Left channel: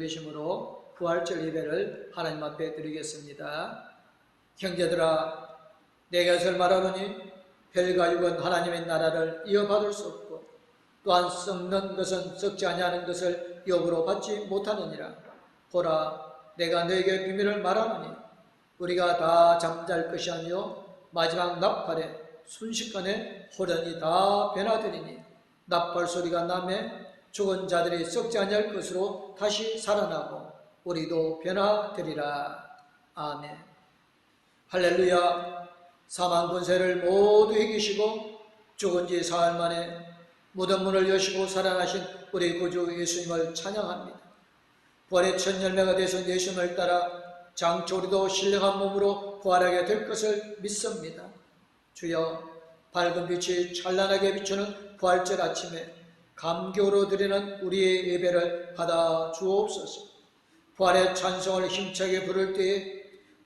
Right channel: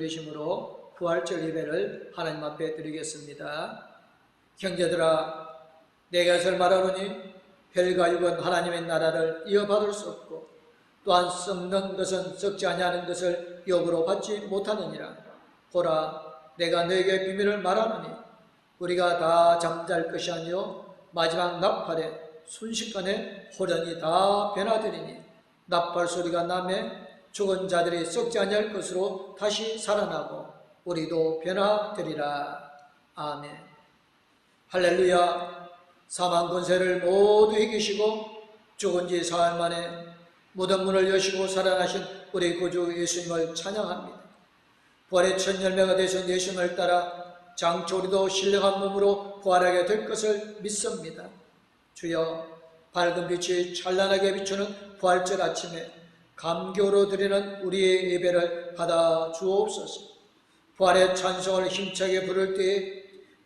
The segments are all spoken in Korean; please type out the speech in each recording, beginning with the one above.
드리심으로 부활절 예배를 하나님 앞에 드리겠습니다. 형제들아, 내가 이것을 말하노니 혈과 육은 하나님의 나라를 이어받을 수 없고 또한 썩는 것은 썩지 아니하는 것을 역으로 받지 못하느니라. 보라, 내가 너에게 비밀을 말하노니 우리가 다 잠잘 것이 아니요 마지막 나팔에 순식간에 호련히 다 변화되리니 나팔 소리가 나매 죽은 자들이 썩지 아니할 것으로 다시 살아나고 우리도 변화되리라. 아멘. 할렐루야. 사망 권세를 모두 이기시고 죽은 지 사흘 만에 무덤 문을 여시고 살아나신 우리 구주 예수님을 찬양합니다. 부활의 첫 열매가 되신 예수님을 따라 장차 우리도 신령한 몸으로 부활하게 될 것을 믿습니다. 주여, 밝은 빛이 찬란하게 비추는 부활절 아침에 감격으로 드리는 우리의 예배를 받아 주옵소서. 부활의 찬송을 힘차게 부를 때에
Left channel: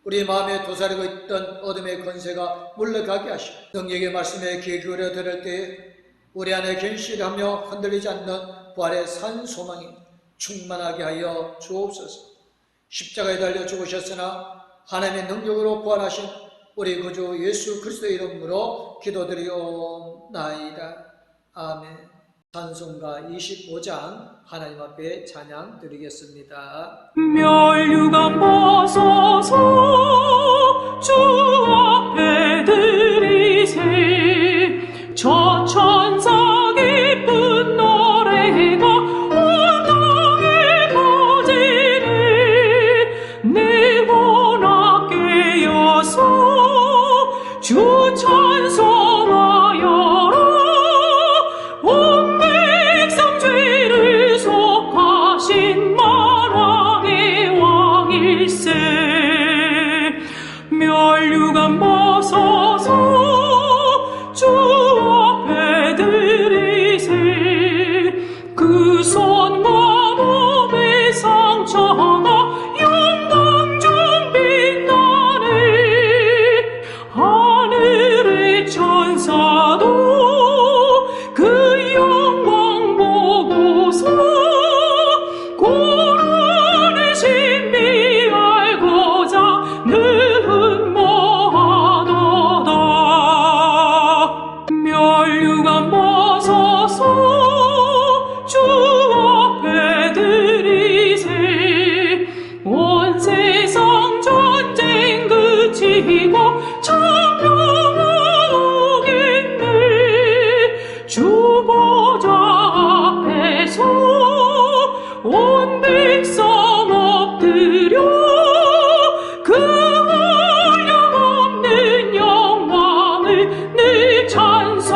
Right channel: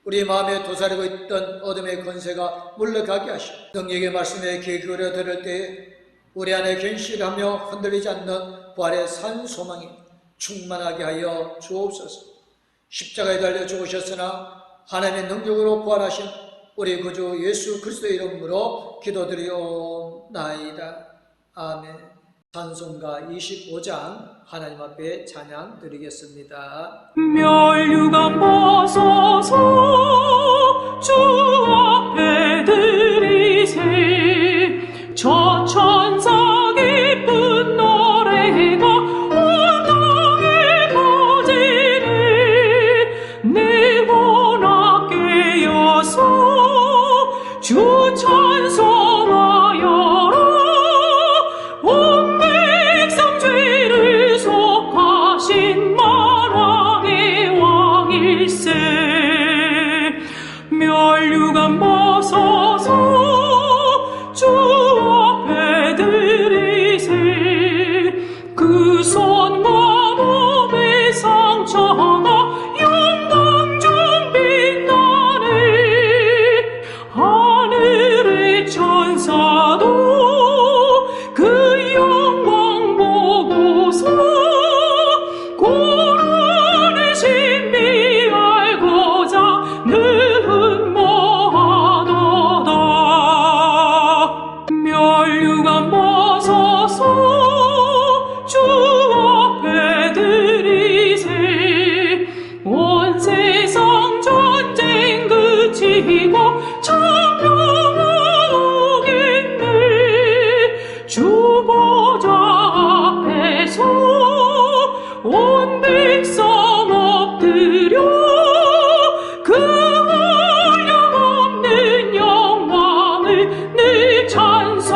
우리 마음에 도사리고 있던 어둠의 권세가 물러가게 하시고 능력의 말씀에 귀 기울여 들을 때에 우리 안에 견실하며 흔들리지 않는 부활의 산 소망이 충만하게 하여 주옵소서. 십자가에 달려 죽으셨으나 하나님의 능력으로 부활하신 우리 구주 예수 그리스도의 이름으로 기도드리옵나이다. 아멘. 찬송가 25장 하나님 앞에 찬양 드리겠습니다. 멸류관 벗어서 주 앞에 드리세. 저 천사 기쁜 노래가 온 땅에 퍼지네. 내 혼악 깨어서 주 찬송하여라. 온 백성 죄를 속하신 만왕의 왕일세. 멸류관 벗어서 주 앞에 드리세. 그 손과 몸의 상처가 영광 중 빛나네. 하늘의 천사도 그 영광 보고서 고난의 신비 알고자 늘 흠모하도다. 멸류관 벗어서 주 앞에 드리세. 온 세상 전쟁 그치고 천명은 오겠네. 주 보좌 앞에서 온 백성 엎드려 그 한량없는 영광을 늘 찬송합니다.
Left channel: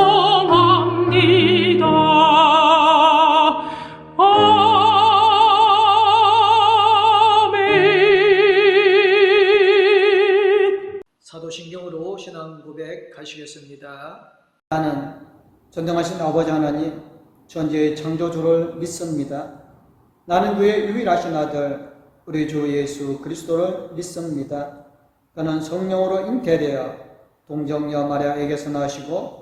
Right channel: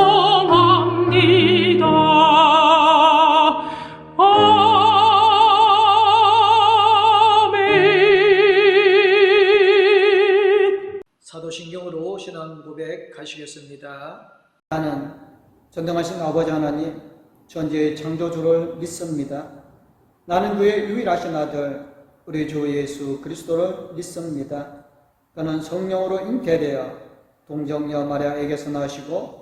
아멘. 사도신경으로 신앙 고백 하시겠습니다. 나는 전능하신 아버지 하나님, 전지의 창조주를 믿습니다. 나는 그의 유일하신 아들 우리 주 예수 그리스도를 믿습니다. 그는 성령으로 잉태되어 동정녀 마리아에게서 나시고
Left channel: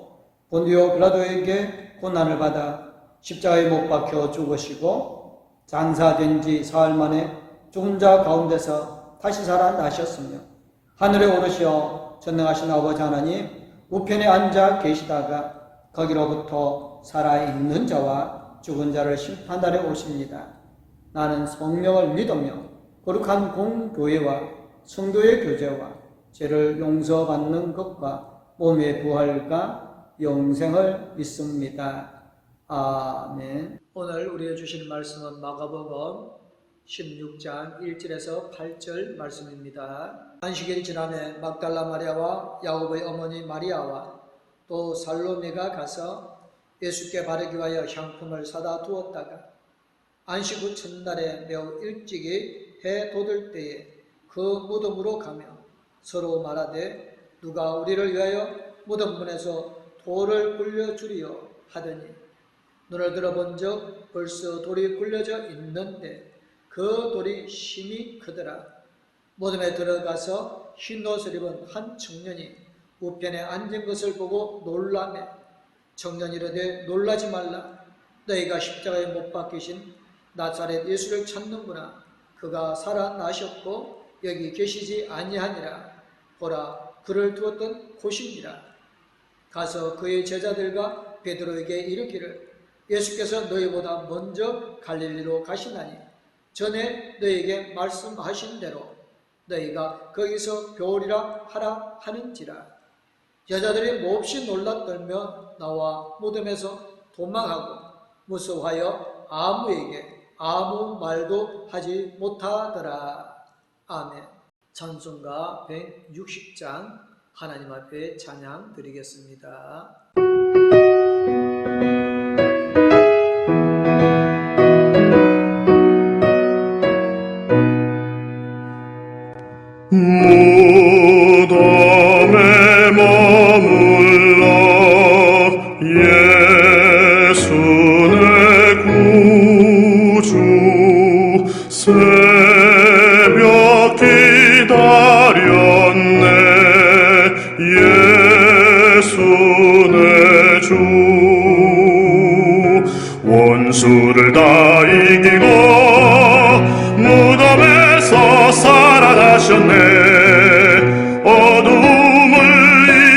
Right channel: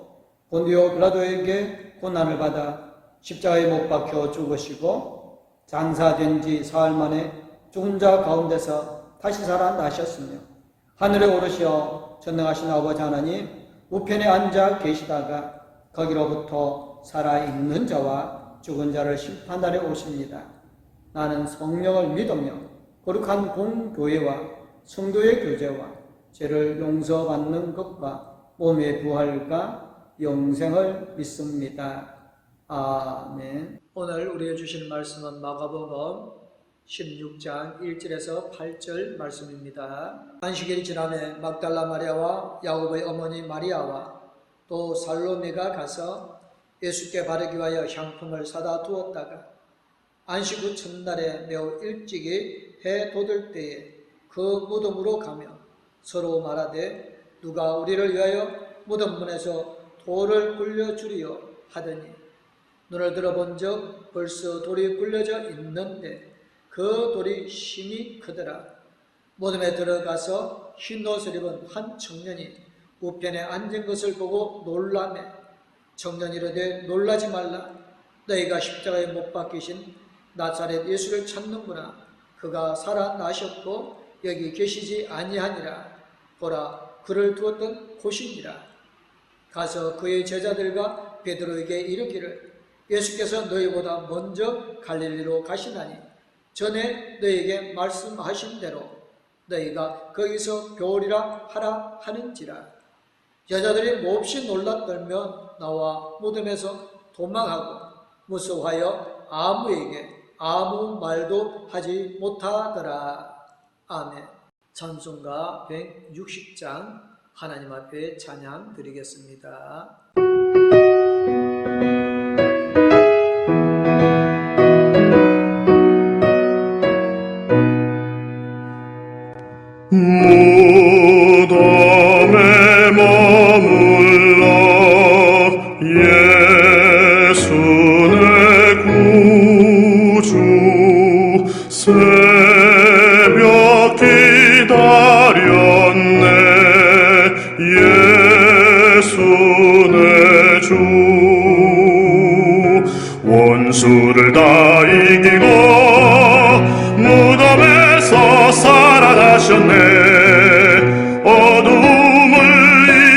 본디오 빌라도에게 고난을 받아 십자가에 못 박혀 죽으시고 장사된 지 사흘 만에 죽은 자 가운데서 다시 살아나셨으며 하늘에 오르시어 전능하신 아버지 하나님 우편에 앉아 계시다가 거기로부터 살아있는 자와 죽은 자를 심판하러 오십니다. 나는 성령을 믿으며 거룩한 공교회와 성도의 교제와 죄를 용서받는 것과 몸의 부활과 영생을 믿습니다. 아멘. 오늘 우리에게 주실 말씀은 마가복음 16장 1절에서 8절 말씀입니다. 안식일이 지나매 막달라 마리아와 야곱의 어머니 마리아와 또 살로메가 가서 예수께 바르기 위하여 향품을 사다 두었다가 안식 후 첫날에 매우 일찍이 해 돋을 때에 그 무덤으로 가며 서로 말하되 누가 우리를 위하여 무덤 문에서 돌을 굴려주리요 하더니 눈을 들어본즉 벌써 돌이 굴려져 있는데 그 돌이 심히 크더라. 무덤에 들어가서 흰 옷을 입은 한 청년이 우편에 앉은 것을 보고 놀라매 청년이 이르되 놀라지 말라. 너희가 십자가에 못 박히신 나사렛 예수를 찾는구나. 그가 살아나셨고 여기 계시지 아니하니라. 보라, 그를 두었던 곳이니라. 가서 그의 제자들과 베드로에게 이르기를 예수께서 너희보다 먼저 갈릴리로 가시나니 전에 너희에게 말씀하신 대로 너희가 거기서 배우리라 하라 하는지라. 여자들이 몹시 놀랐더며 나와 무덤에서 도망하고 무서워하여 아무에게 아무 말도 하지 못하더라. 아멘. 찬송가 160장 하나님 앞에 찬양 드리겠습니다. 무덤에 머물러 예수 내 구주 새벽 기다렸네 예수 내 주 원수를 다 이기고 무덤에서 살아나셨네 어둠을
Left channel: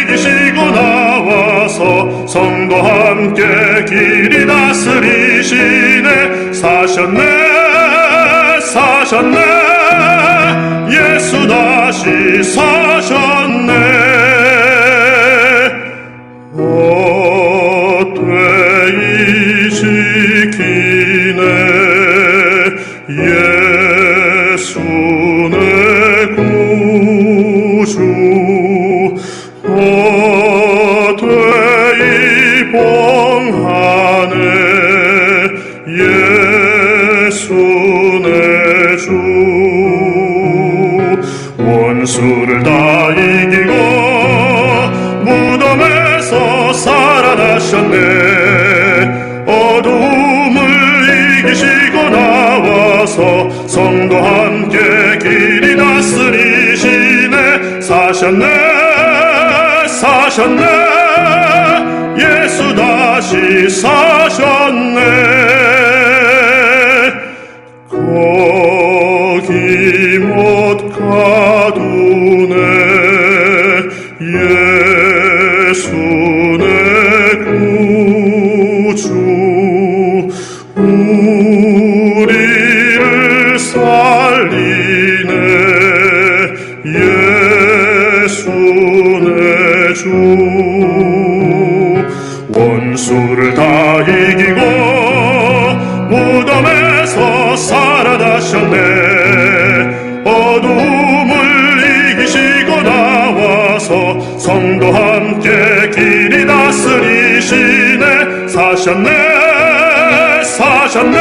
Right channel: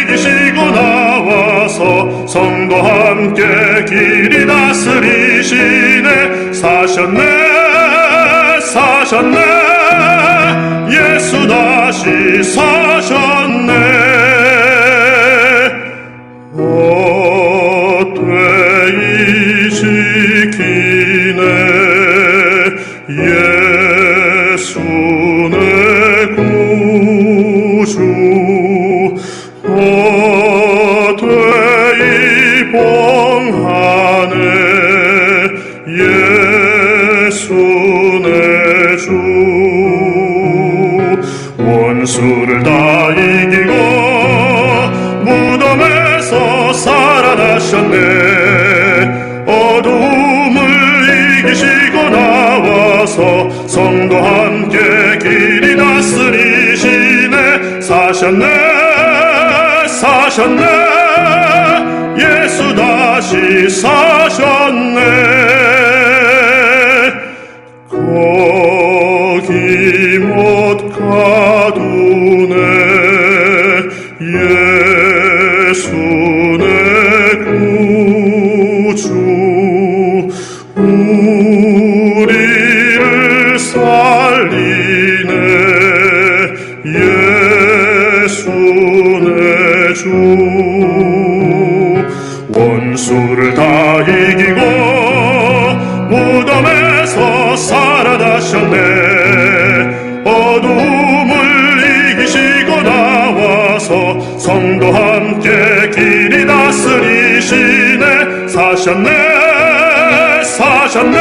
이기시고 나와서 성도와 함께 길이 다스리시네 사셨네 사셨네 예수 다시 사셨네 헛되이 지키네 예수 내 구주 헛되이 봉하네 예수 내 주 원수를 다 이기고 무덤에서 살아나셨네 어둠을 이기시고 나와서 성도와 함께 길이 다스리시네 사셨네 사셨네 예수 다시 사셨네 거기 못 가두네 예수 내 구주 우리를 살리네 예수 내 주 원수를 다 이기고 무덤에서 살아나셨네 어둠을 이기시고 나와서 성도와 함께 길이 다스리시네 사셨네 사셨네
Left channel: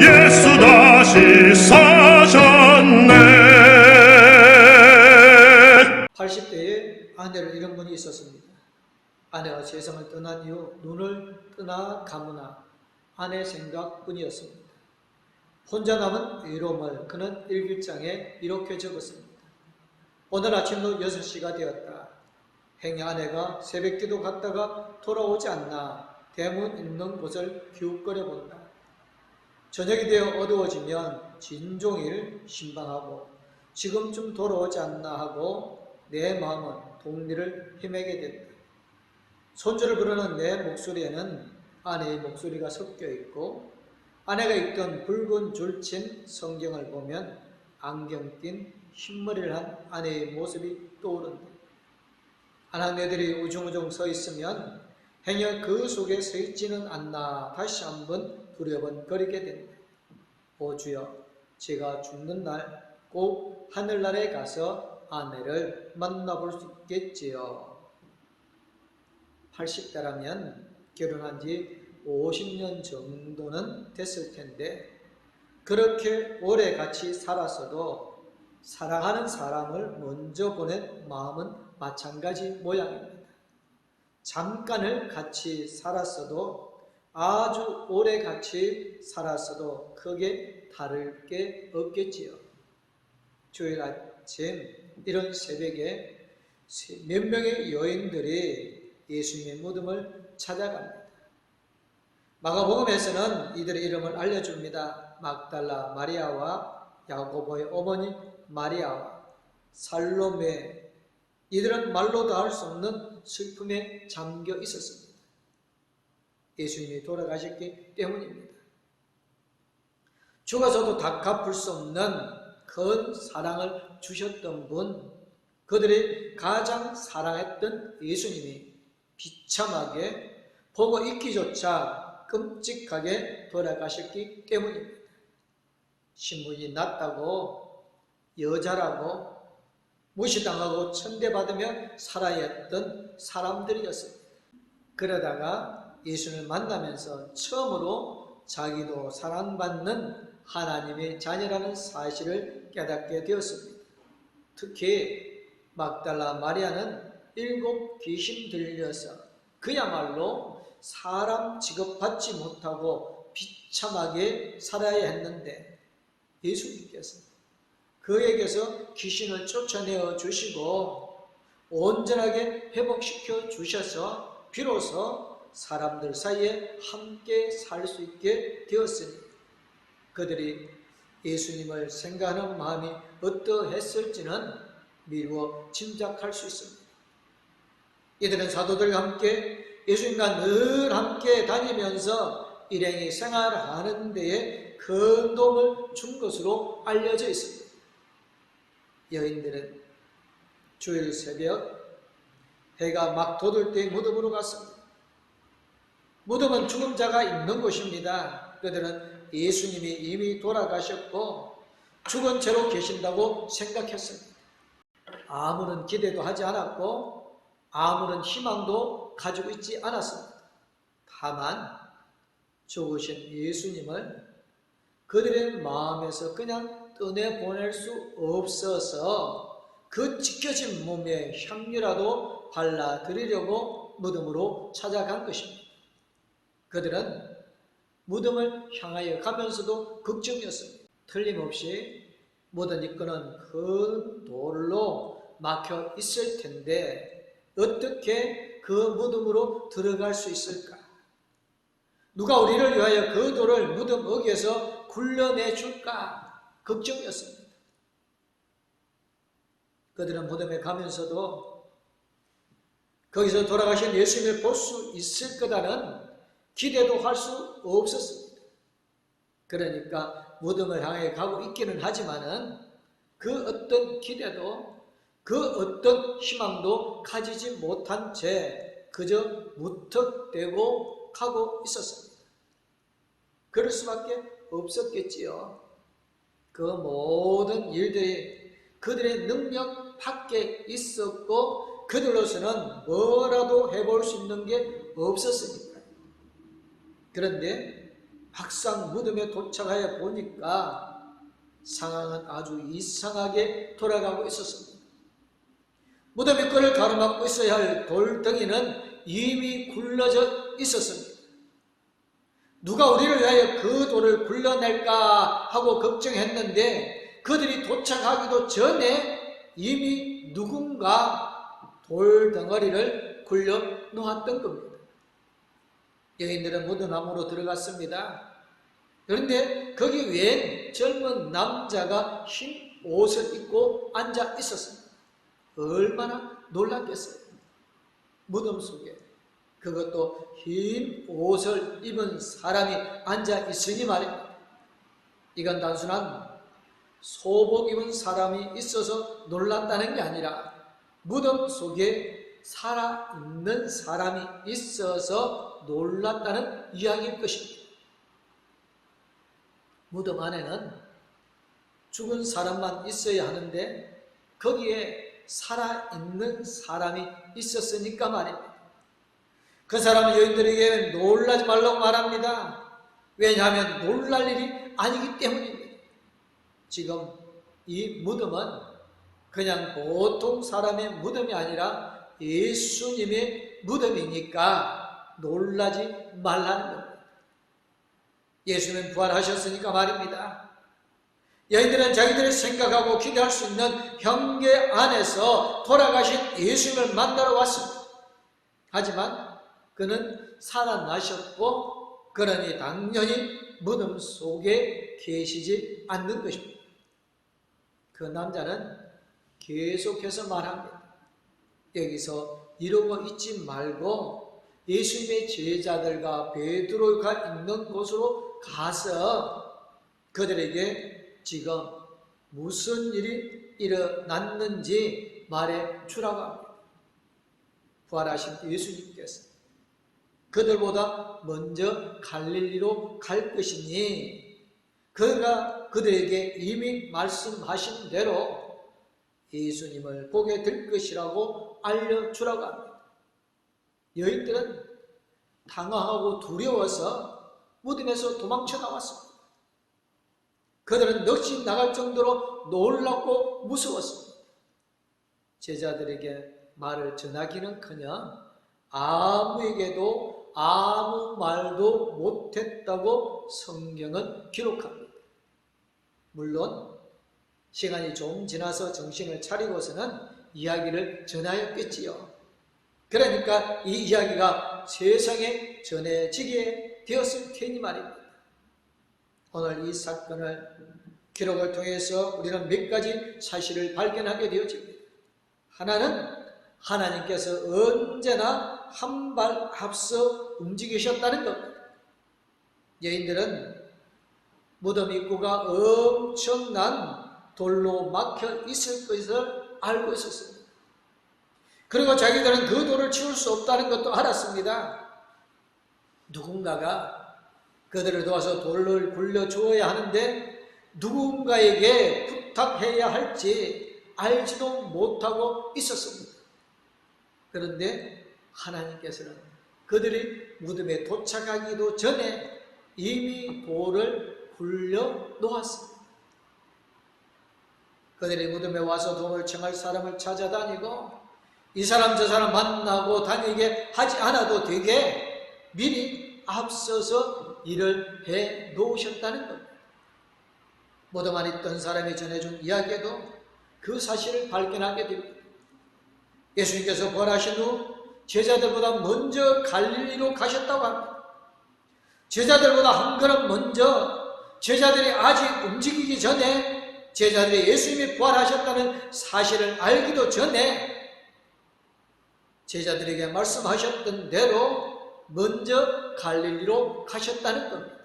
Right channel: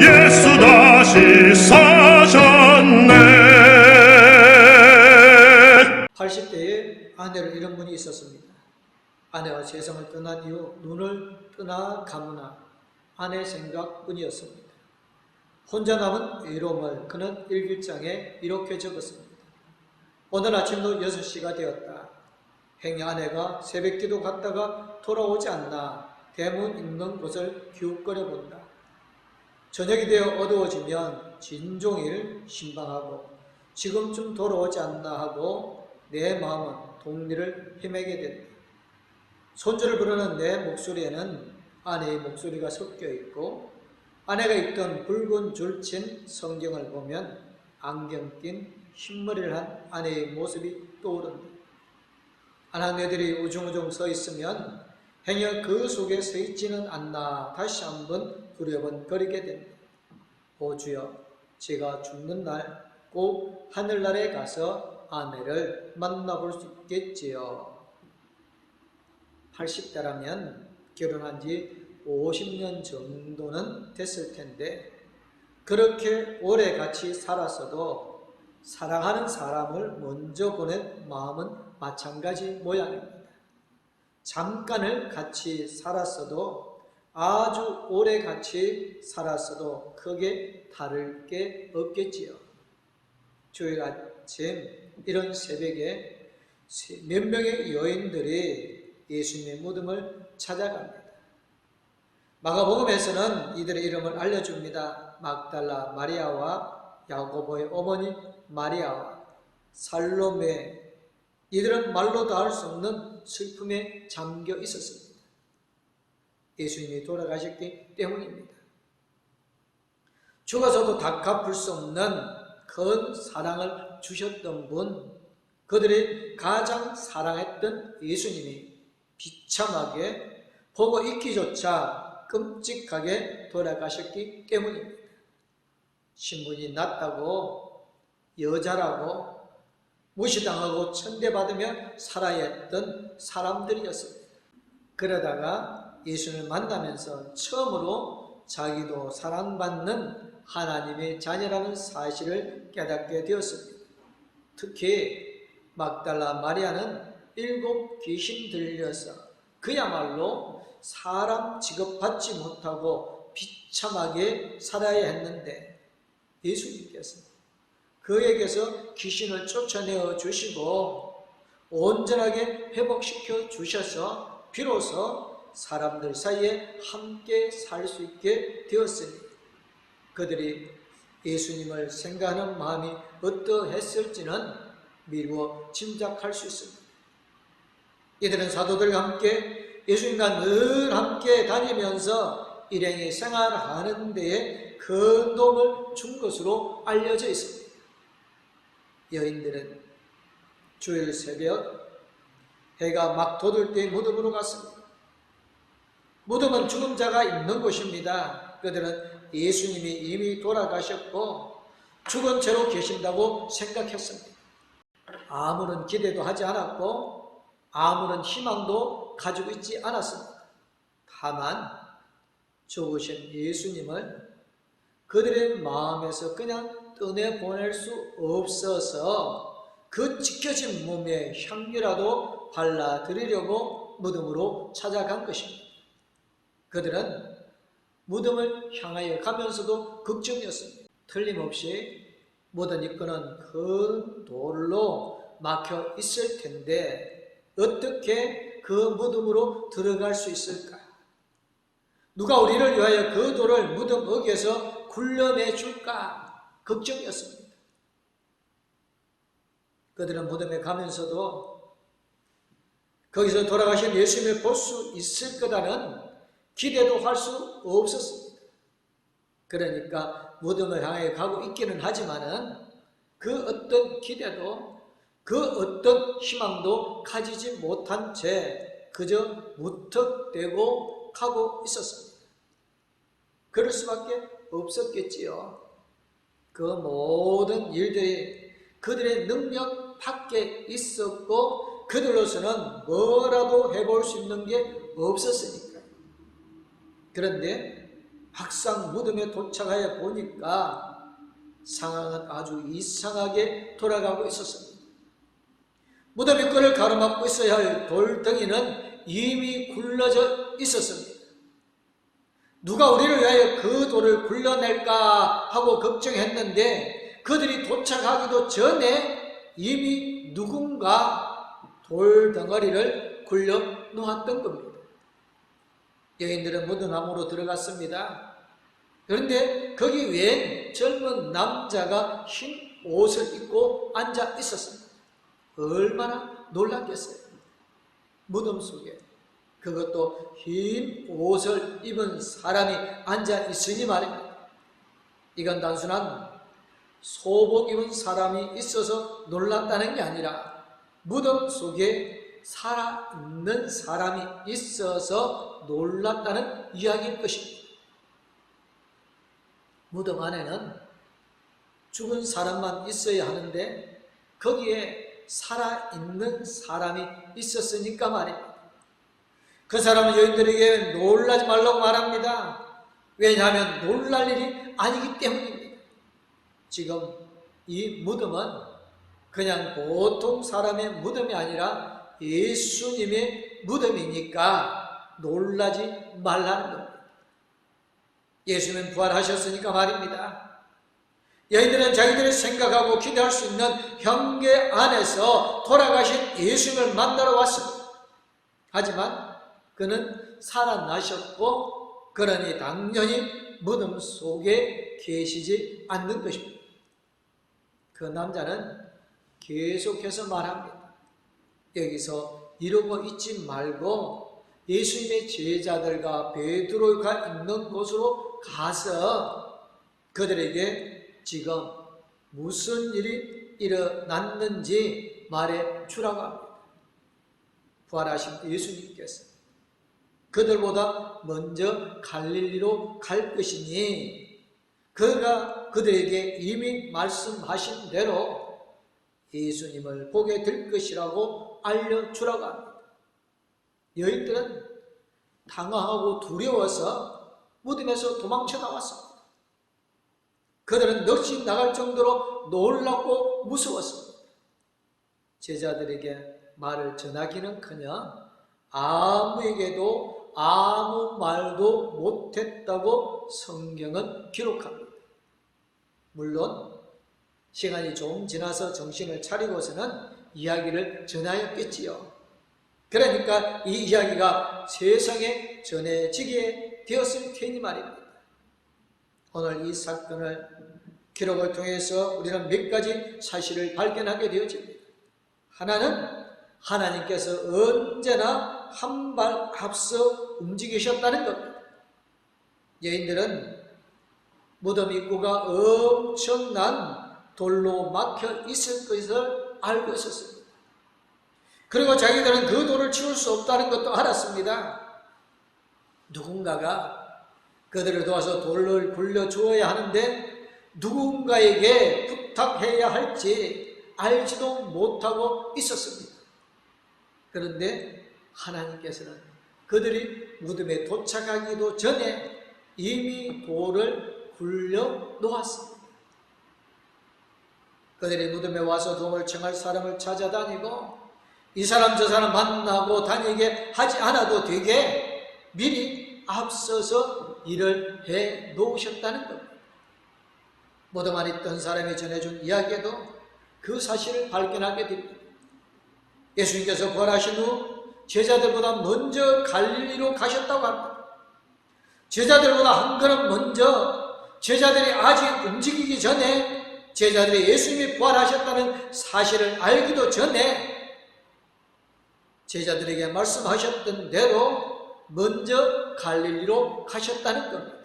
예수 다시 사셨네 80대에 아내를 잃은 분이 있었습니다. 아내가 세상을 떠난 이후 눈을 뜨나 감으나 아내 생각뿐이었습니다. 혼자 남은 외로움을 그는 일기장에 이렇게 적었습니다. 오늘 아침도 6시가 되었다. 행여 아내가 새벽기도 갔다가 돌아오지 않나 대문 있는 곳을 기웃거려 본다. 저녁이 되어 어두워지면 진종일 신방하고 지금쯤 돌아오지 않나 하고 내 마음은 동리를 헤매게 된다. 손주를 부르는 내 목소리에는 아내의 목소리가 섞여 있고 아내가 입던 붉은 줄친 성경을 보면 안경 낀 흰머리를 한 아내의 모습이 떠오른다. 아낙네들이 우중우중 서 있으면 행여 그 속에 서 있지는 않나 다시 한번 두려번거리게 된다. 오 주여, 제가 죽는 날 꼭 하늘나라에 가서 아내를 만나볼 수 있겠지요. 80대라면 결혼한 지 50년 정도는 됐을 텐데 그렇게 오래 같이 살았어도 사랑하는 사람을 먼저 보낸 마음은 마찬가지 모양입니다. 잠깐을 같이 살았어도 아주 오래 같이 살았어도 크게 다를 게 없겠지요. 주일 아침 이런 새벽에 몇 명의 여인들이 예수님의 무덤을 찾아갑니다. 마가복음에서는 이들의 이름을 알려줍니다. 막달라 마리아와 야고보의 어머니 마리아와 살로메, 이들은 말로 다 할 수 없는 슬픔에 잠겨 있었습니다. 예수님이 돌아가셨기 때문입니다. 죽어서도 다 갚을 수 없는 큰 사랑을 주셨던 분, 그들이 가장 사랑했던 예수님이 비참하게 보고 있기조차 끔찍하게 돌아가셨기 때문입니다. 신분이 낮다고, 여자라고 무시당하고 천대받으며 살아야 했던 사람들이었습니다. 그러다가 예수를 만나면서 처음으로 자기도 사랑받는 하나님의 자녀라는 사실을 깨닫게 되었습니다. 특히 막달라 마리아는 7 귀신 들려서 그야말로 사람 취급받지 못하고 비참하게 살아야 했는데 예수님께서 그에게서 귀신을 쫓아내어 주시고 온전하게 회복시켜 주셔서 비로소 사람들 사이에 함께 살 수 있게 되었으니 그들이 예수님을 생각하는 마음이 어떠했을지는 미루어 짐작할 수 있습니다. 이들은 사도들과 함께 예수님과 늘 함께 다니면서 일행이 생활하는 데에 큰 도움을 준 것으로 알려져 있습니다. 여인들은 주일 새벽 해가 막 돋을 때 무덤으로 갔습니다. 무덤은 죽은 자가 있는 곳입니다. 그들은 예수님이 이미 돌아가셨고 죽은 채로 계신다고 생각했습니다. 아무런 기대도 하지 않았고 아무런 희망도 가지고 있지 않았습니다. 다만 죽으신 예수님을 그들의 마음에서 그냥 떠내보낼 수 없어서 그 찢겨진 몸에 향기라도 발라드리려고 무덤으로 찾아간 것입니다. 그들은 무덤을 향하여 가면서도 걱정이었습니다. 틀림없이 무덤 입구는 큰 돌로 막혀 있을 텐데 어떻게 그 무덤으로 들어갈 수 있을까? 누가 우리를 위하여 그 돌을 무덤 어귀에서 굴려내 줄까? 걱정이었습니다. 그들은 무덤에 가면서도 거기서 돌아가신 예수님을 볼 수 있을 거다는 기대도 할 수 없었습니다. 그러니까 무덤을 향해 가고 있기는 하지만은 그 어떤 기대도 그 어떤 희망도 가지지 못한 채 그저 무턱대고 가고 있었습니다. 그럴 수밖에 없었겠지요. 그 모든 일들이 그들의 능력 밖에 있었고 그들로서는 뭐라도 해볼 수 있는 게 없었으니까요. 그런데 막상 무덤에 도착하여 보니까 상황은 아주 이상하게 돌아가고 있었습니다. 무덤 입구를 가로막고 있어야 할 돌덩이는 이미 굴러져 있었습니다. 누가 우리를 위하여 그 돌을 굴려낼까 하고 걱정했는데 그들이 도착하기도 전에 이미 누군가 돌덩어리를 굴려 놓았던 겁니다. 여인들은 무덤 안으로 들어갔습니다. 그런데 거기 웬 젊은 남자가 흰 옷을 입고 앉아 있었습니다. 얼마나 놀랐겠어요. 무덤 속에 그것도 흰 옷을 입은 사람이 앉아 있으니 말입니다. 이건 단순한 소복 입은 사람이 있어서 놀랐다는 게 아니라 무덤 속에 살아있는 사람이 있어서 놀랐다는 이야기일 것입니다. 무덤 안에는 죽은 사람만 있어야 하는데 거기에 살아있는 사람이 있었으니까 말입니다. 그 사람은 여인들에게 놀라지 말라고 말합니다. 왜냐하면 놀랄 일이 아니기 때문입니다. 지금 이 무덤은 그냥 보통 사람의 무덤이 아니라 예수님의 무덤이니까 놀라지 말라는 겁니다. 예수는 부활하셨으니까 말입니다. 여인들은 자기들이 생각하고 기대할 수 있는 경계 안에서 돌아가신 예수님을 만나러 왔습니다. 하지만 그는 살아나셨고 그러니 당연히 무덤 속에 계시지 않는 것입니다. 그 남자는 계속해서 말합니다. 여기서 이러고 있지 말고 예수님의 제자들과 베드로가 있는 곳으로 가서 그들에게 지금 무슨 일이 일어났는지 말해 주라고 합니다. 부활하신 예수님께서 그들보다 먼저 갈릴리로 갈 것이니 그가 그들에게 이미 말씀하신 대로 예수님을 보게 될 것이라고 알려주라고 합니다. 여인들은 당황하고 두려워서 무덤에서 도망쳐 나왔습니다. 그들은 넋이 나갈 정도로 놀랍고 무서웠습니다. 제자들에게 말을 전하기는커녕 아무에게도 아무 말도 못했다고 성경은 기록합니다. 물론 시간이 좀 지나서 정신을 차리고서는 이야기를 전하였겠지요. 그러니까 이 이야기가 세상에 전해지게 되었을 테니 말입니다. 오늘 이 사건을 기록을 통해서 우리는 몇 가지 사실을 발견하게 되어집니다. 하나는 하나님께서 언제나 한 발 앞서 움직이셨다는 겁니다. 여인들은 무덤 입구가 엄청난 돌로 막혀 있을 것을 알고 있었습니다. 그리고 자기들은 그 돌을 치울 수 없다는 것도 알았습니다. 누군가가 그들을 도와서 돌을 굴려주어야 하는데 누군가에게 부탁해야 할지 알지도 못하고 있었습니다. 그런데 하나님께서는 그들이 무덤에 도착하기도 전에 이미 돌을 굴려 놓았습니다. 그들이 무덤에 와서 도움을 청할 사람을 찾아다니고 이 사람 저 사람 만나고 다니게 하지 않아도 되게 미리 앞서서 일을 해 놓으셨다는 겁니다. 무덤 안에 있던 사람이 전해준 이야기에도 그 사실을 발견하게 됩니다. 예수님께서 부활하신 후 제자들보다 먼저 갈릴리로 가셨다고 합니다. 제자들보다 한 걸음 먼저 제자들이 아직 움직이기 전에 제자들이 예수님이 부활하셨다는 사실을 알기도 전에 제자들에게 말씀하셨던 대로 먼저 갈릴리로 가셨다는 겁니다.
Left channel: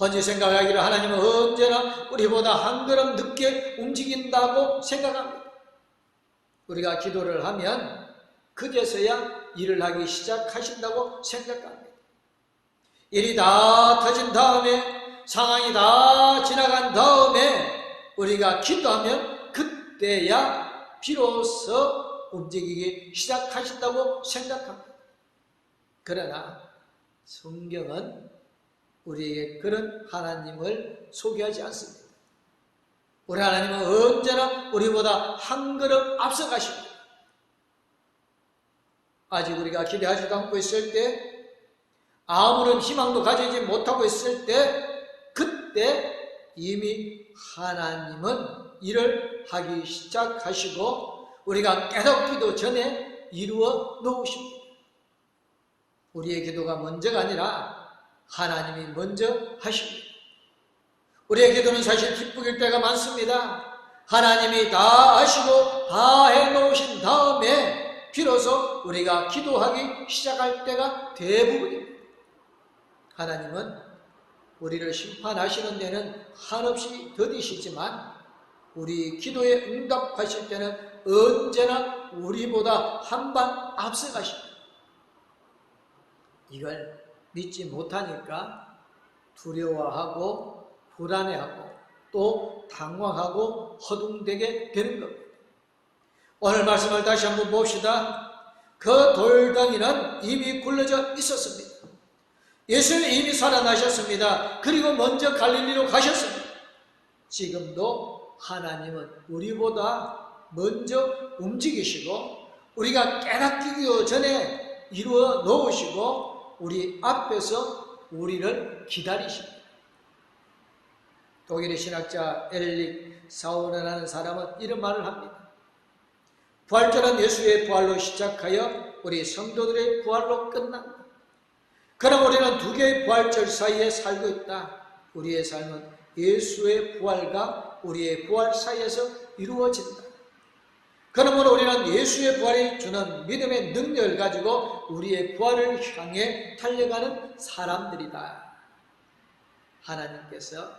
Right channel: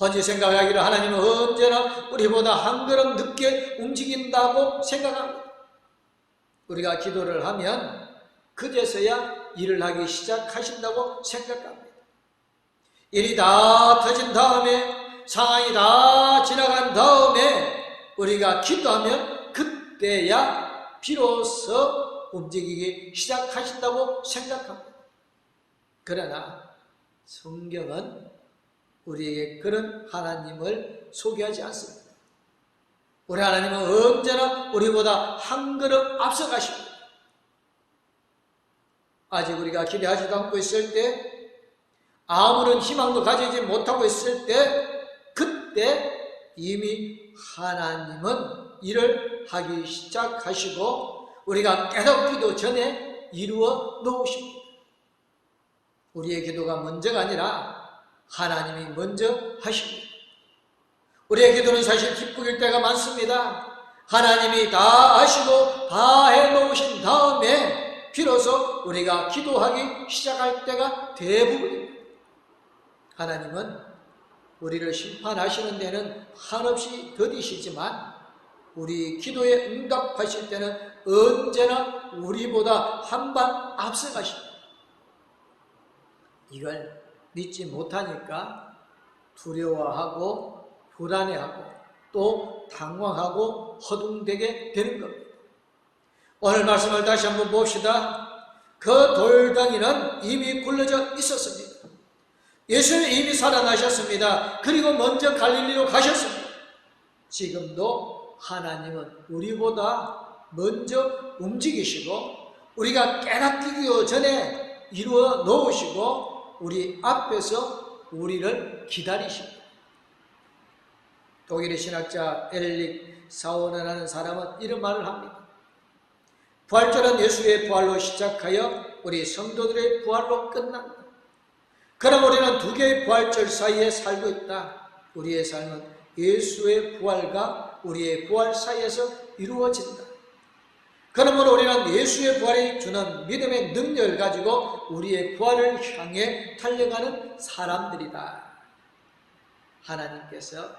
헌지 생각하기를 하나님은 언제나 우리보다 한 걸음 늦게 움직인다고 생각합니다. 우리가 기도를 하면 그제서야 일을 하기 시작하신다고 생각합니다. 일이 다 터진 다음에 상황이 다 지나간 다음에 우리가 기도하면 그때야 비로소 움직이기 시작하신다고 생각합니다. 그러나 성경은 우리에게 그런 하나님을 소개하지 않습니다. 우리 하나님은 언제나 우리보다 한 걸음 앞서가십니다. 아직 우리가 기대하지도 않고 있을 때, 아무런 희망도 가지지 못하고 있을 때, 그때 이미 하나님은 일을 하기 시작하시고 우리가 깨닫기도 전에 이루어 놓으십니다. 우리의 기도가 먼저가 아니라 하나님이 먼저 하십니다. 우리의 기도는 사실 기쁘길 때가 많습니다. 하나님이 다 하시고 다 해놓으신 다음에 비로소 우리가 기도하기 시작할 때가 대부분입니다. 하나님은 우리를 심판하시는 데는 한없이 더디시지만 우리 기도에 응답하실 때는 언제나 우리보다 한 발 앞서가십니다. 이걸 믿지 못하니까 두려워하고 불안해하고 또 당황하고 허둥대게 되는 겁니다. 오늘 말씀을 다시 한번 봅시다. 그 돌덩이는 이미 굴러져 있었습니다. 예수는 이미 살아나셨습니다. 그리고 먼저 갈릴리로 가셨습니다. 지금도 하나님은 우리보다 먼저 움직이시고 우리가 깨닫기도 전에 이루어 놓으시고 우리 앞에서 우리를 기다리십니다. 독일의 신학자 엘릭 사우너라는 사람은 이런 말을 합니다. 부활절은 예수의 부활로 시작하여 우리 성도들의 부활로 끝납니다. 그럼 우리는 두 개의 부활절 사이에 살고 있다. 우리의 삶은 예수의 부활과 우리의 부활 사이에서 이루어진다. 그러므로 우리는 예수의 부활이 주는 믿음의 능력을 가지고 우리의 부활을 향해 달려가는 사람들이다. 하나님께서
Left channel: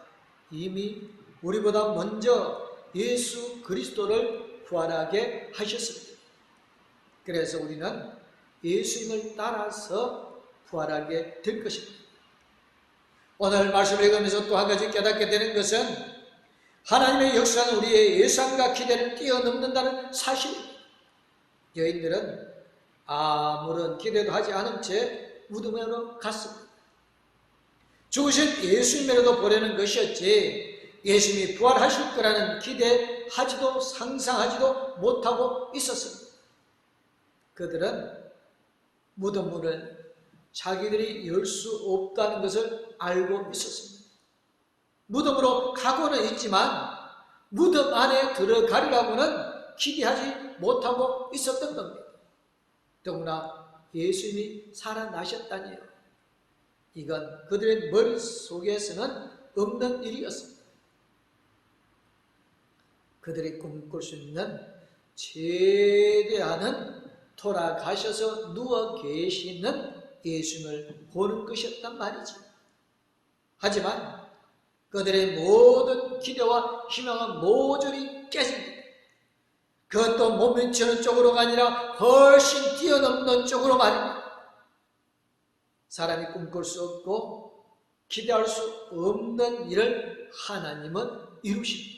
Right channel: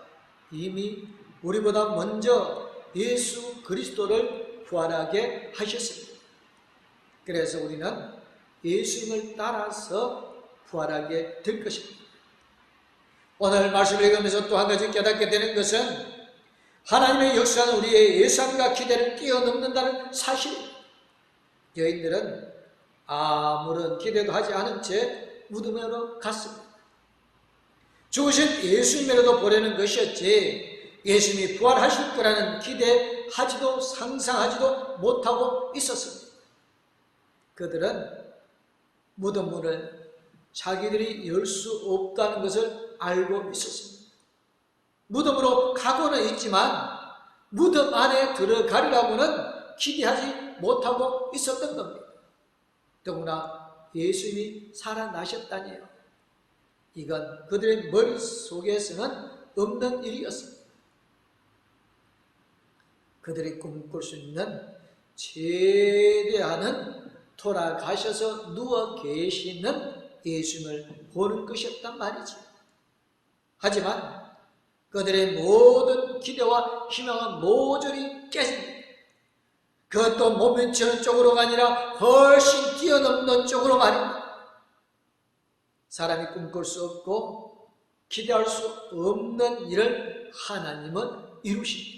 이미 우리보다 먼저 예수 그리스도를 부활하게 하셨습니다. 그래서 우리는 예수님을 따라서 부활하게 될 것입니다. 오늘 말씀을 읽으면서 또 한 가지 깨닫게 되는 것은 하나님의 역사는 우리의 예상과 기대를 뛰어넘는다는 사실입니다. 여인들은 아무런 기대도 하지 않은 채 무덤으로 갔습니다. 죽으신 예수님으로도 보내는 것이었지 예수님이 부활하실 거라는 기대하지도 상상하지도 못하고 있었습니다. 그들은 무덤 문을 자기들이 열 수 없다는 것을 알고 있었습니다. 무덤으로 가고는 있지만 무덤 안에 들어가리라고는 기대하지 못하고 있었던 겁니다. 더구나 예수님이 살아나셨다니요. 이건 그들의 머릿속에서는 없는 일이었습니다. 그들이 꿈꿀 수 있는 최대한은 돌아가셔서 누워 계시는 예수님을 보는 것이었단 말이죠. 하지만 그들의 모든 기대와 희망은 모조리 깨집니다. 그것도 몸부치는 쪽으로가 아니라 훨씬 뛰어넘는 쪽으로 말입니다. 사람이 꿈꿀 수 없고 기대할 수 없는 일을 하나님은 이루십니다.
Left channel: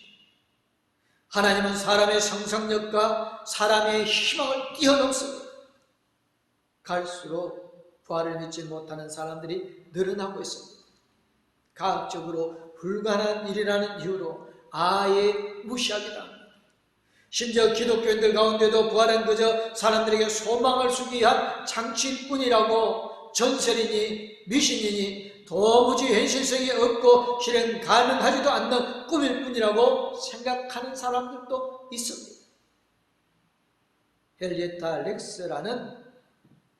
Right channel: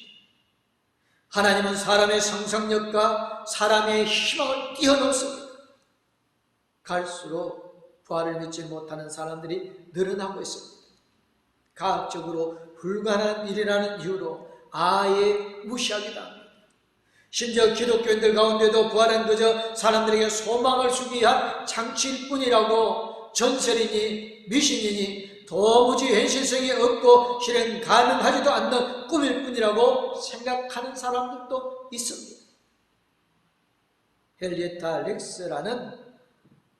하나님은 사람의 상상력과 사람의 희망을 뛰어넘습니다. 갈수록 부활을 믿지 못하는 사람들이 늘어나고 있습니다. 과학적으로 불가능한 일이라는 이유로 아예 무시하기도 합니다. 심지어 기독교인들 가운데도 부활은 그저 사람들에게 소망을 주기 위한 장치일 뿐이라고 전설이니 미신이니 도무지 현실성이 없고 실행 가능하지도 않는 꿈일 뿐이라고 생각하는 사람들도 있습니다. 헨리에타 렉스라는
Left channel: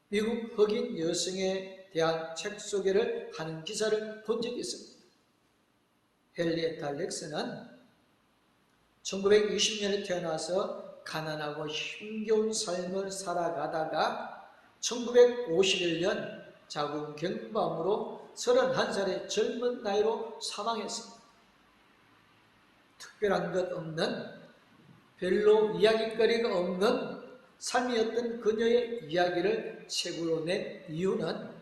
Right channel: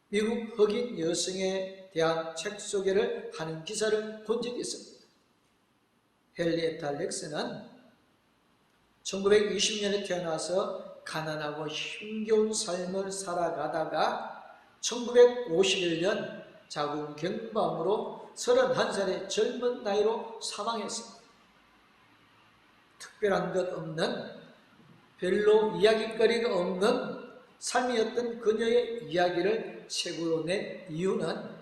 미국 흑인 여성에 대한 책 소개를 하는 기사를 본 적이 있습니다. 헨리에타 렉스는 1920년에 태어나서 가난하고 힘겨운 삶을 살아가다가 1951년 자궁경부암으로 31살의 젊은 나이로 사망했습니다. 특별한 것 없는 별로 이야기거리가 없는 삶이었던 그녀의 이야기를 책으로 낸 이유는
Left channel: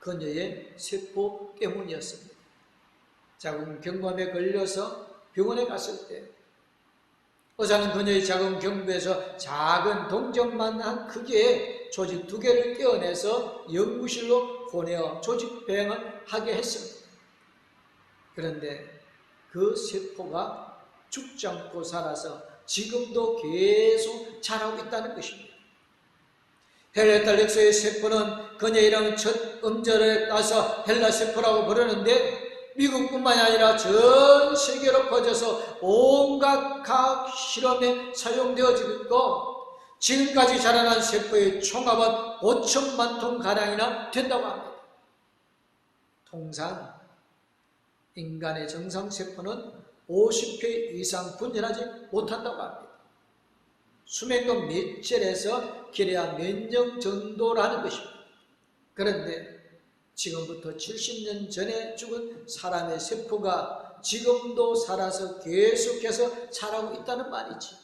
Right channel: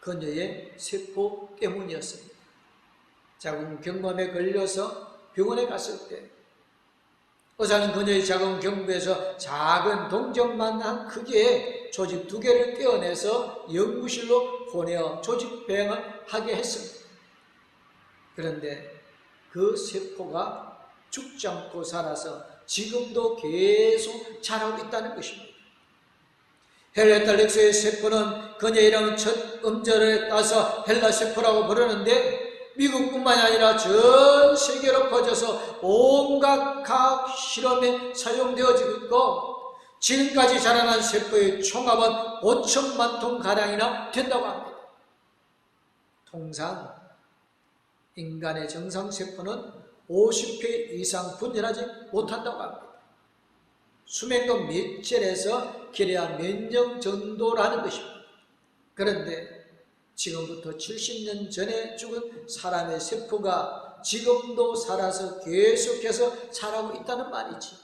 그녀의 세포 때문이었습니다. 자궁경부암에 걸려서 병원에 갔을 때 의사는 그녀의 자궁경부에서 작은 동전만한 크기의 조직 2개를 떼어내서 연구실로 보내어 조직 배양을 하게 했습니다. 그런데 그 세포가 죽지 않고 살아서 지금도 계속 자라고 있다는 것입니다. 헨리에타 렉스의 세포는 그녀의 이름은 첫 음절에 따서 헬라세포라고 부르는데 미국뿐만이 아니라 전 세계로 퍼져서 온갖 과학 실험에 사용되어지고 있고 지금까지 자라난 세포의 총합은 5천만 톤가량이나 된다고 합니다. 통상 인간의 정상세포는 50회 이상 분열하지 못한다고 합니다. 수명도 몇철에서 길어야 몇 년 정도라는 것입니다. 그런데 지금부터 70년 전에 죽은 사람의 세포가 지금도 살아서 계속해서 자라고 있다는 말이지.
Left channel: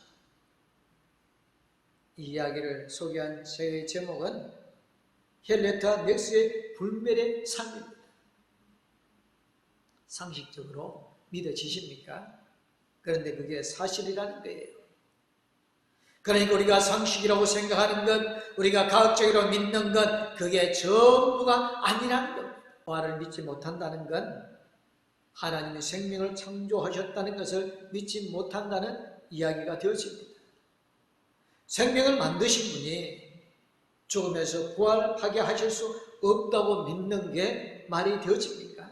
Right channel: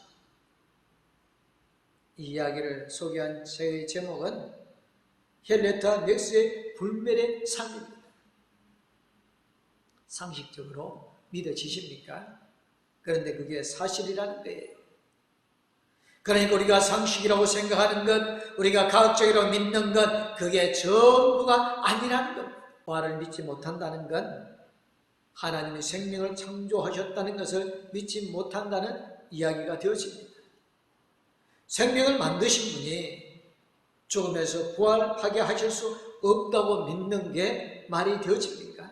이 이야기를 소개한 제 제목은 헨리에타 렉스의 불멸의 삶입니다. 상식적으로 믿어지십니까? 그런데 그게 사실이라는 거예요. 그러니까 우리가 상식이라고 생각하는 것, 우리가 과학적으로 믿는 것, 그게 전부가 아니라는 겁니다. 부활을 믿지 못한다는 건 하나님이 생명을 창조하셨다는 것을 믿지 못한다는 이야기가 되어집니다. 생명을 만드신 분이 죽음에서 부활하게 하실 수 없다고 믿는 게 말이 되어집니까?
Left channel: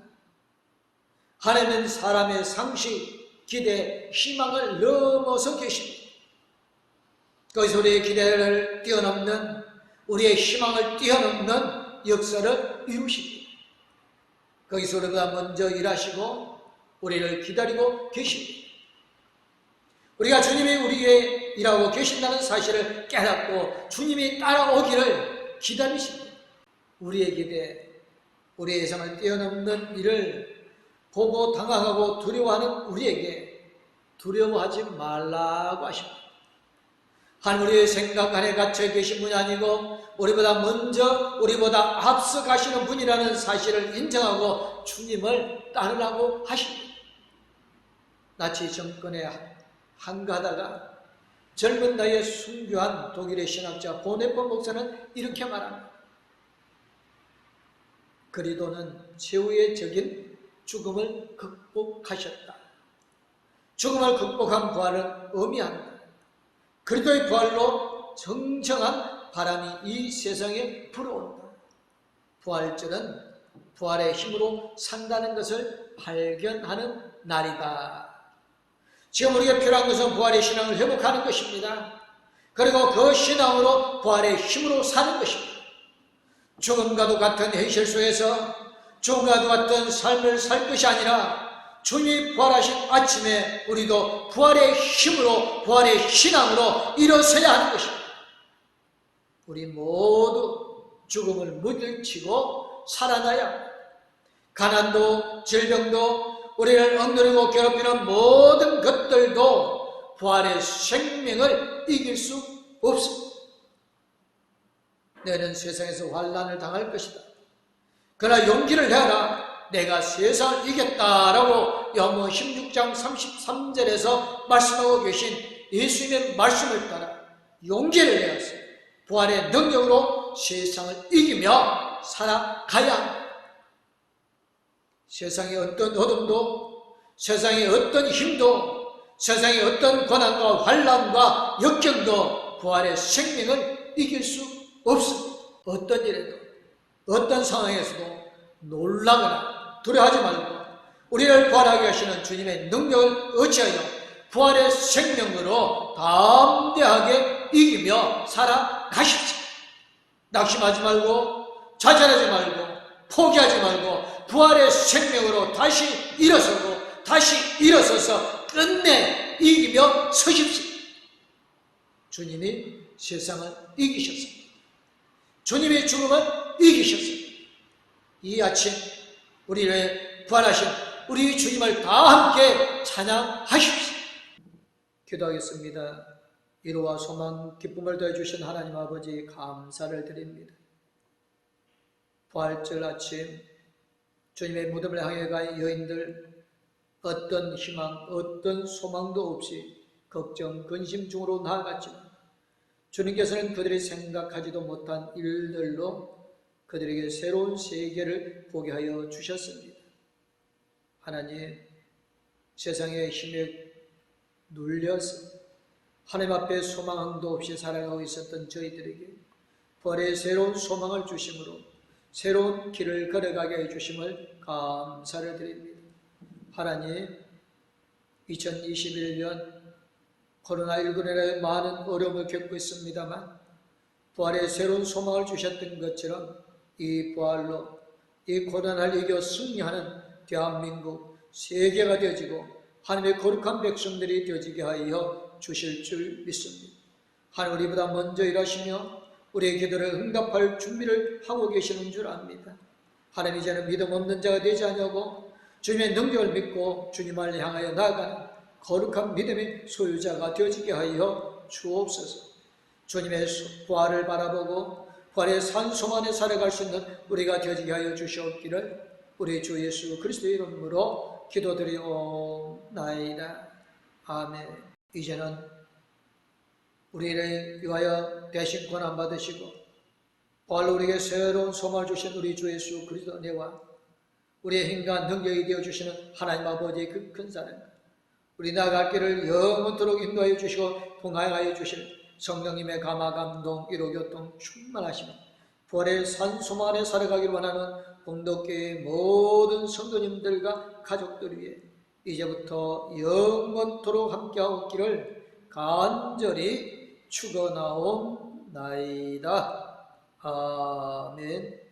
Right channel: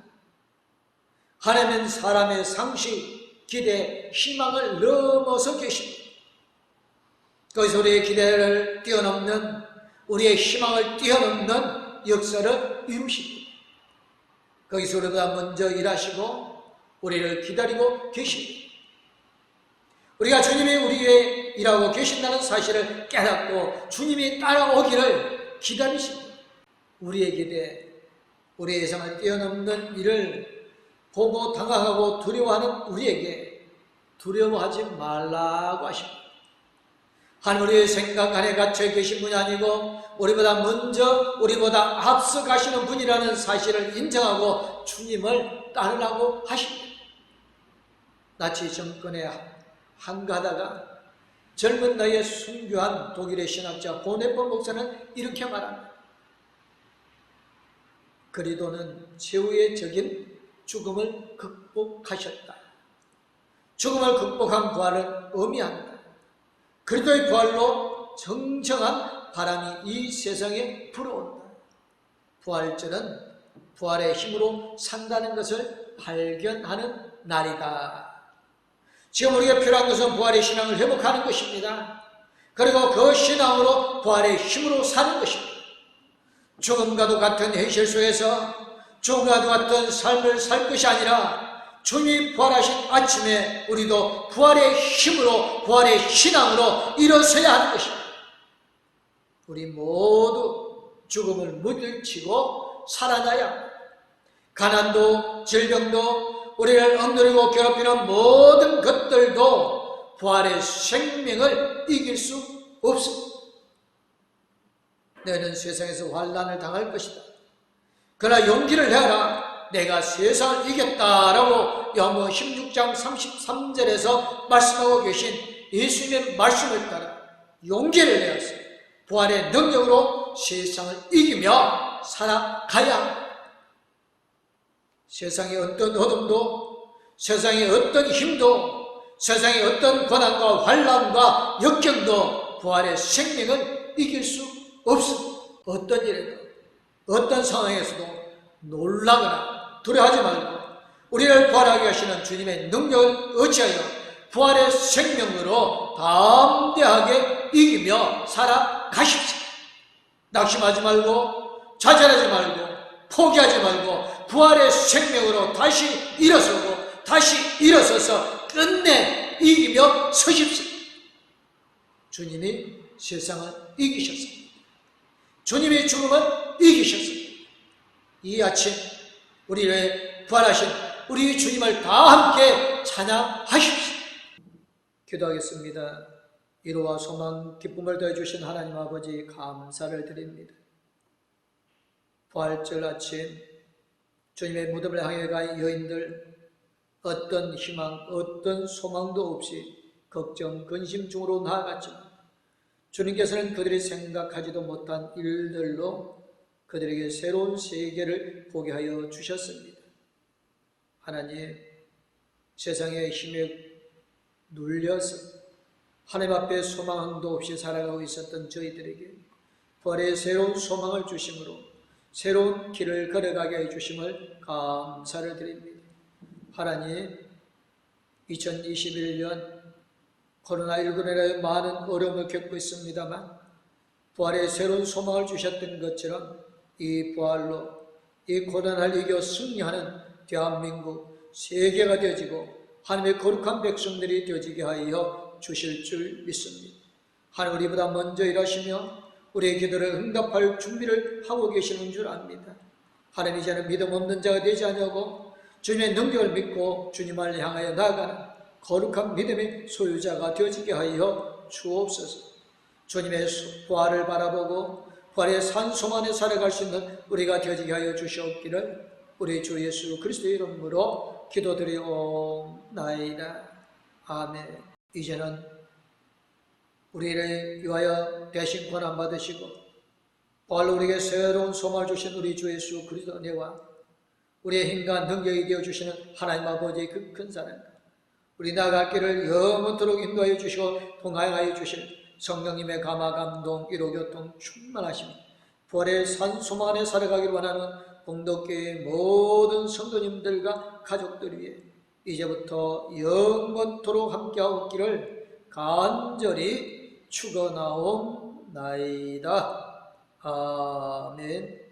하나님은 사람의 상식, 기대, 희망을 넘어서 계십니다. 그것이 우리의 기대를 뛰어넘는, 우리의 희망을 뛰어넘는 역사를 이루십니다. 거기서 우리보다 먼저 일하시고 우리를 기다리고 계십니다. 우리가 주님이 우리에게 일하고 계신다는 사실을 깨닫고 주님이 따라오기를 기다리십니다. 우리의 기대, 우리의 예상을 뛰어넘는 일을 보고 당황하고 두려워하는 우리에게 두려워하지 말라고 하십니다. 하나님 우리의 생각 안에 갇혀 계신 분이 아니고 우리보다 먼저 우리보다 앞서 가시는 분이라는 사실을 인정하고 주님을 따르라고 하십니다. 나치 정권에 한가하다가 젊은 나이에 순교한 독일의 신학자 보네폰 목사는 이렇게 말합니다. 그리도는 최후의 적인 죽음을 극복하셨다. 죽음을 극복한 부활을 의미합니다. 그리도의 부활로 정정한 바람이 이 세상에 불어온다. 부활절은 부활의 힘으로 산다는 것을 발견하는 날이다. 지금 우리가 필요한 것은 부활의 신앙을 회복하는 것입니다. 그리고 그 신앙으로 부활의 힘으로 사는 것입니다. 죽음과도 같은 현실 속에서 죽음과도 같은 삶을 살 것이 아니라 주님이 부활하신 아침에 우리도 부활의 힘으로 부활의 신앙으로 일어서야 하는 것입니다. 우리 모두 죽음을 물리치고 살아나야 합니다. 가난도 질병도 우리를 억누르고 괴롭히는 모든 것들도 부활의 생명을 이길 수 없습니다. 너는 세상에서 환난을 당할 것이다. 그러나 용기를 내라. 내가 세상을 이겼다라고 요한복음 16장 33절에서 말씀하고 계신 예수님의 말씀을 따라 용기를 내어서 부활의 능력으로 세상을 이기며 살아가야 합니다. 세상의 어떤 어둠도, 세상의 어떤 힘도, 세상의 어떤 고난과 환난과 역경도 부활의 생명을 이길 수 없습니다. 어떤 일에도, 어떤 상황에서도 놀라거나 두려워하지 말고 우리를 부활하게 하시는 주님의 능력을 의지하여 부활의 생명으로 담대하게 이기며 살아가십시오. 낙심하지 말고 좌절하지 말고 포기하지 말고 부활의 생명으로 다시 일어서고 다시 일어서서 끝내 이기며 서십시오. 주님이 세상을 이기셨습니다. 주님의 죽음을 이기셨습니다. 이 아침 우리의 부활하신 우리 주님을 다 함께 찬양하십시오. 기도하겠습니다. 위로와 소망, 기쁨을 더해주신 하나님 아버지 감사를 드립니다. 부활절 아침 주님의 무덤을 향해 간 여인들 어떤 희망, 어떤 소망도 없이 걱정, 근심 중으로 나아갔지만 주님께서는 그들이 생각하지도 못한 일들로 그들에게 새로운 세계를 보게 하여 주셨습니다. 하나님, 세상의 힘에 눌려서 하나님 앞에 소망도 없이 살아가고 있었던 저희들에게 부활의 새로운 소망을 주심으로 새로운 길을 걸어가게 해주심을 감사를 드립니다. 하나님, 2021년 코로나19로 인하여 많은 어려움을 겪고 있습니다만 부활의 새로운 소망을 주셨던 것처럼 이 부활로 이 고난을 이겨 승리하는 대한민국 세계가 되어지고 하나님의 거룩한 백성들이 되어지게 하여 주실 줄 믿습니다. 하나님 우리보다 먼저 일하시며 우리의 기도를 응답할 준비를 하고 계시는 줄 압니다. 하나님 이제는 믿음 없는 자가 되지 않냐고 주님의 능력을 믿고 주님을 향하여 나아가는 거룩한 믿음의 소유자가 되어지게 하여 주옵소서. 주님의 부활을 바라보고 부활의 산소 안에 살아갈 수 있는 우리가 되어지게 하여 주시옵기를 우리 주 예수 그리스도의 이름으로 기도드리옵나이다. 아멘. 이제는 우리를 위하여 대신 고난 받으시고 부활로 우리에게 새로운 소망을 주신 우리 주 예수 그리스도 은혜와 우리의 힘과 능력이 되어주시는 하나님 아버지의 그 큰 사랑, 우리 나아갈 길을 영원토록 인도하여 주시고 통하여 주실 성령님의 감화 감동 위로 교통 충만하시며 부활의 산소망 안에 살아가길 원하는 봉독교회의 모든 성도님들과 가족들 위해 이제부터 영원토록 함께하고 있기를 간절히 축원하옵나이다. 아멘.